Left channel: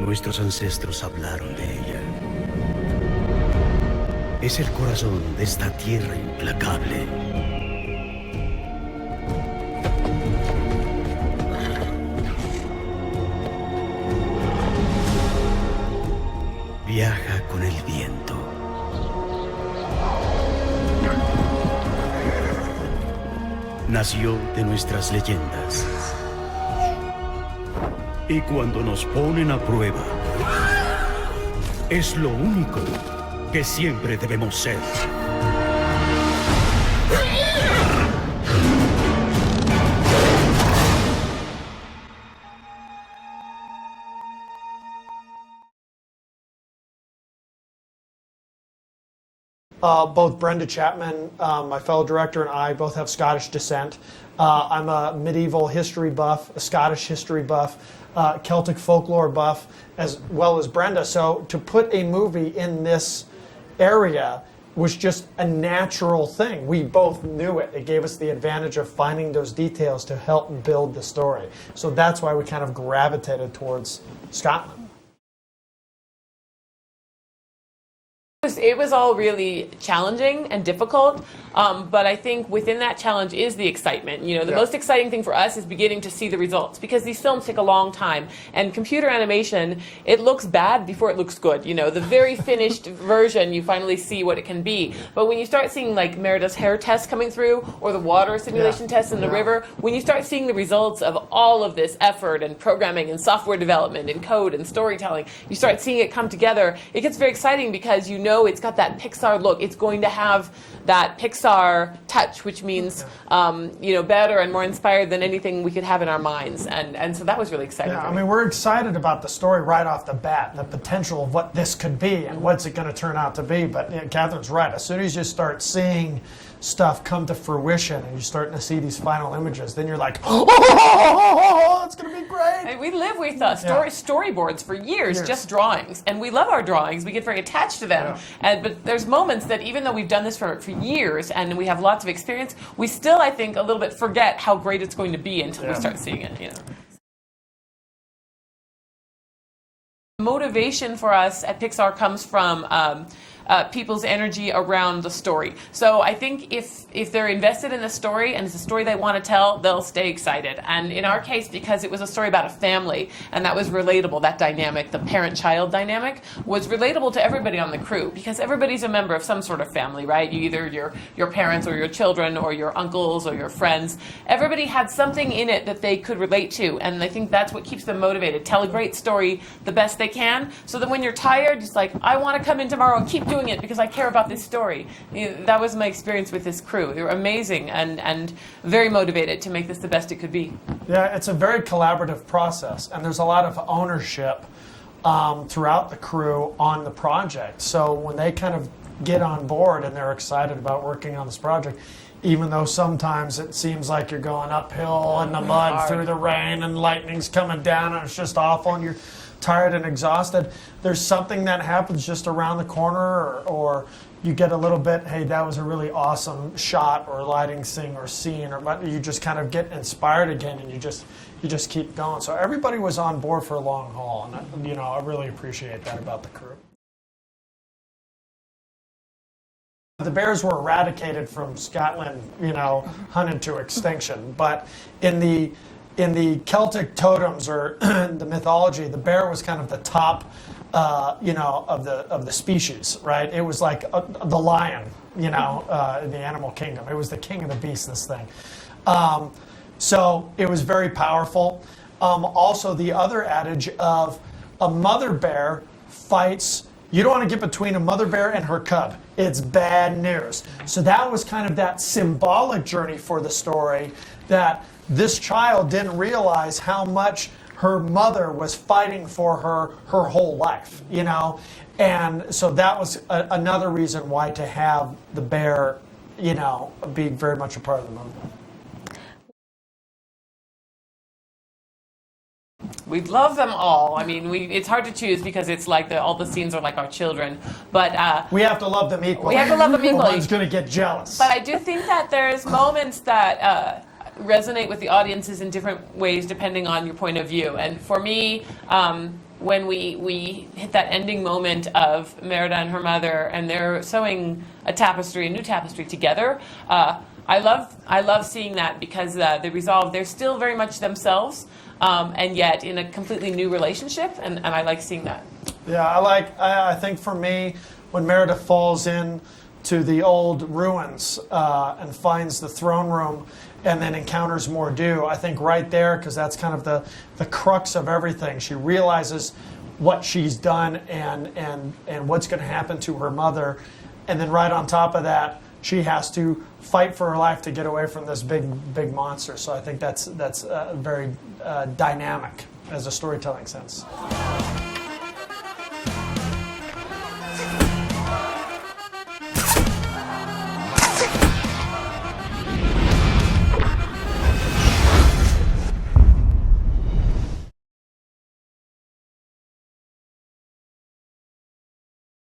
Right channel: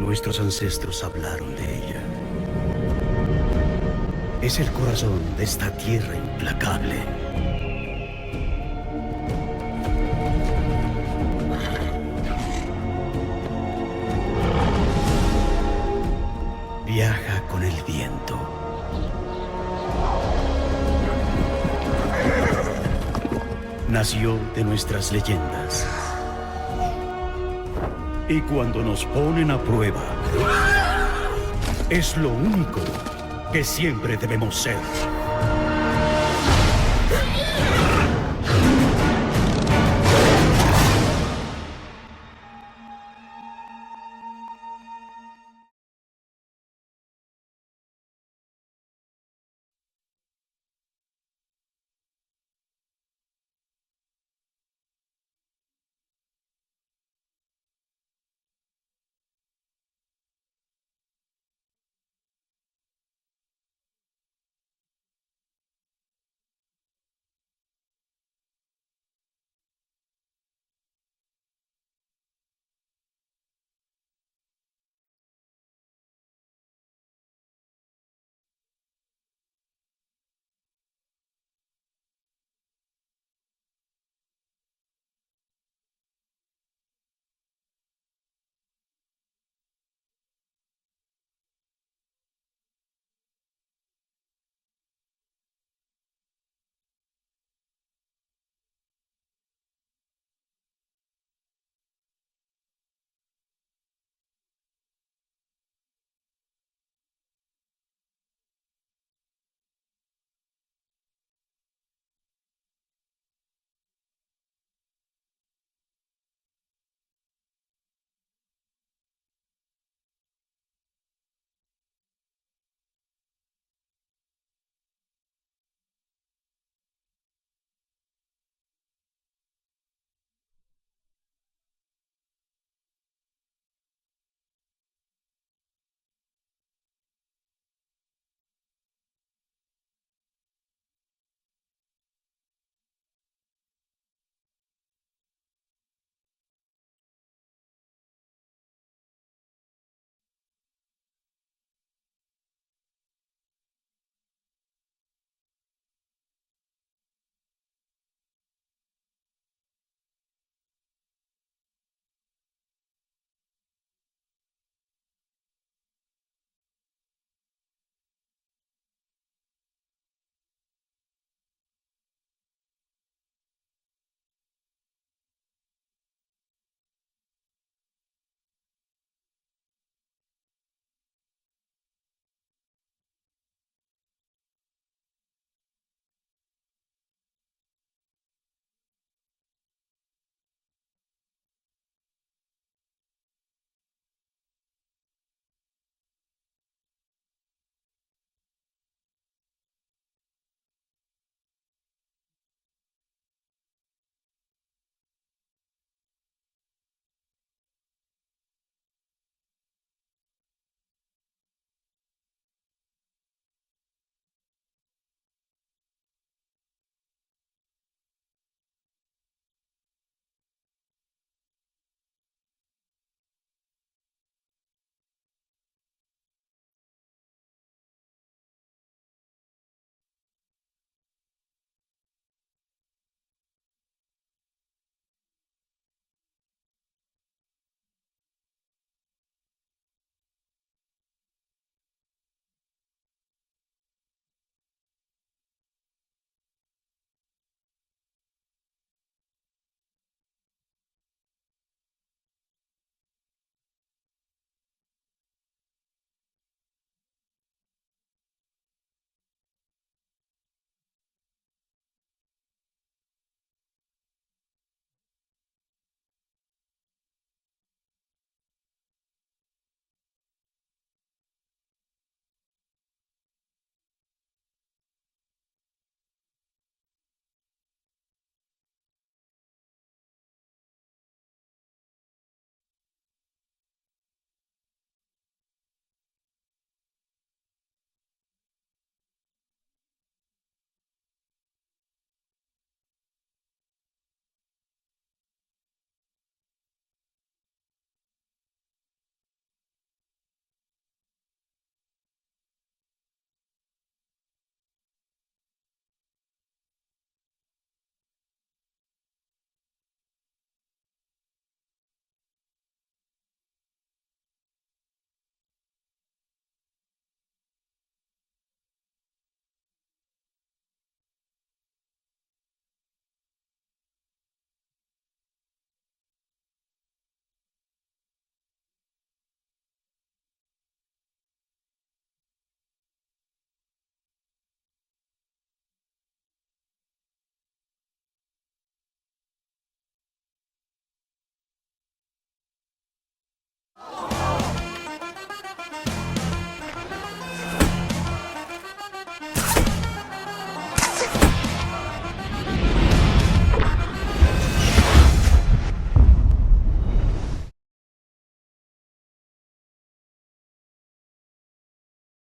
Nuestros ancestros hablaron de ella. Es el corazón de esta tierra implacable. Viaja con el viento. Nació de nuestras leyendas. Y cuando nos ponen a prueba, es lo único que siempre debemos ser. Both Brenda Chapman, my fellow director, and I both have Scottish descent. I'm a medieval history buff, a Scottish history buff, Celtic folklore buff, as well as Brenda. So to put a movie in this area was just a natural thing. We both knew it. It gave us the advantage of finding those details to help build the story. So that's why we kind of gravitated towards Scotland. It was all really challenging and difficult, but I think within that challenge is the excitement. You know, the most exciting thing for us is beginning to see the results, because these films take a long time, and computer animation, it looks bad before it looks good. You know, the very finished version, you finally see what it can be. But when you start seeing like Merida's hair tests coming through, or the water simulation tests in the river, when you start seeing the results of all of this effort and programming and software development and code and storytelling, you start seeing it come together. It gets very exciting because you know it's got that Pixar look. It's going to have that Pixar touch, which means you know, better and more inspired than anything we could have in our minds. And so that was really exciting. Yeah, I mean, we're excited about the story right off the bat, the potential of what this could be and what's it going to turn out to be. But Catherine's right. As soon as you start seeing stuff come to fruition and you're starting to see these final images, then you're like, oh, it's going to be great. And we live with storyboards for years, just drawings. And we love our drawings. We get very attached to them. But there's moments that even though we've done this for years and we have lots of experience, we still, I think, a little bit forget how great it's going to be until we start seeing it. You know. Motivation for us at Pixar comes from people's energy around the story. So I think if they're invested in the story and it's a story they want to tell, they'll stay excited. And in our case, because it was a story about a family and that was relatable, that dynamic, the parent-child dynamic, was relatable to everybody on the crew, because everybody's a member of some sort of family, right? Either your parents or your children or your uncles or your friends. Everybody had something in it that they could relate to, and I think that's what keeps them motivated. Tell a great story the best they can, so that when you're tired, it's like, I want to come in tomorrow and keep doing it because I care about this story. You know, that was my experience with this crew. They were amazing and very motivated to make this the best it could be. Yeah, it's a very collaborative process, and there's a lot of ownership throughout the crew on the project. So when they kind of get on board and they're excited about working on this project, even though sometimes it seems like you're going uphill in the mud through the rain and lightning's coming down and it's just awful and you're tired and exhausted, there's something that happens just around the corner, or you get a little bit, hey, that was a really awesome shot or lighting scene, or you just kind of get inspired again and you just keep going. So everybody was on board for a long haul, and you know, I really appreciate that about the crew. The bears were eradicated from Scotland, you know, hunted to extinction. But in the Celtic totems or the mythology, the bear was kind of the top, you know, of the species, right? It was like the lion, you know, in the animal kingdom. It was the king of the beasts, this thing. So it was very powerful. Also, the other adage of a mother bear fights. You don't want to get between a mother bear and her cub. It's bad news. So that was kind of that symbolic journey for the story, that this child didn't realize how much her mother was fighting for her whole life, you know? And so that was another reason why to have the bear, you know, be very much a part of the movie. We love them all. I mean, it's hard to choose because it's like all the scenes are like our children. But we have to love them equally. We have to love them equally. One's going to get jealous. But I do think that there's moments that resonate with the audiences in different ways depending on your point of view. And for me, when we hit that ending moment of Merida and her mother, and they're sewing a new tapestry together. I love seeing that because they resolve. They're still very much themselves, and yet in a completely new relationship, and I like seeing that. Yeah, I think for me, when Merida falls in to the old ruins and finds the throne room, and then encounters Mor'du, I think right there, because that's kind of the crux of everything. She realizes what she's done and what's going to happen to her mother, and then right on top of that, she has to fight for her life to get away from this big monster. So I think that's very dynamic as a storytelling sense.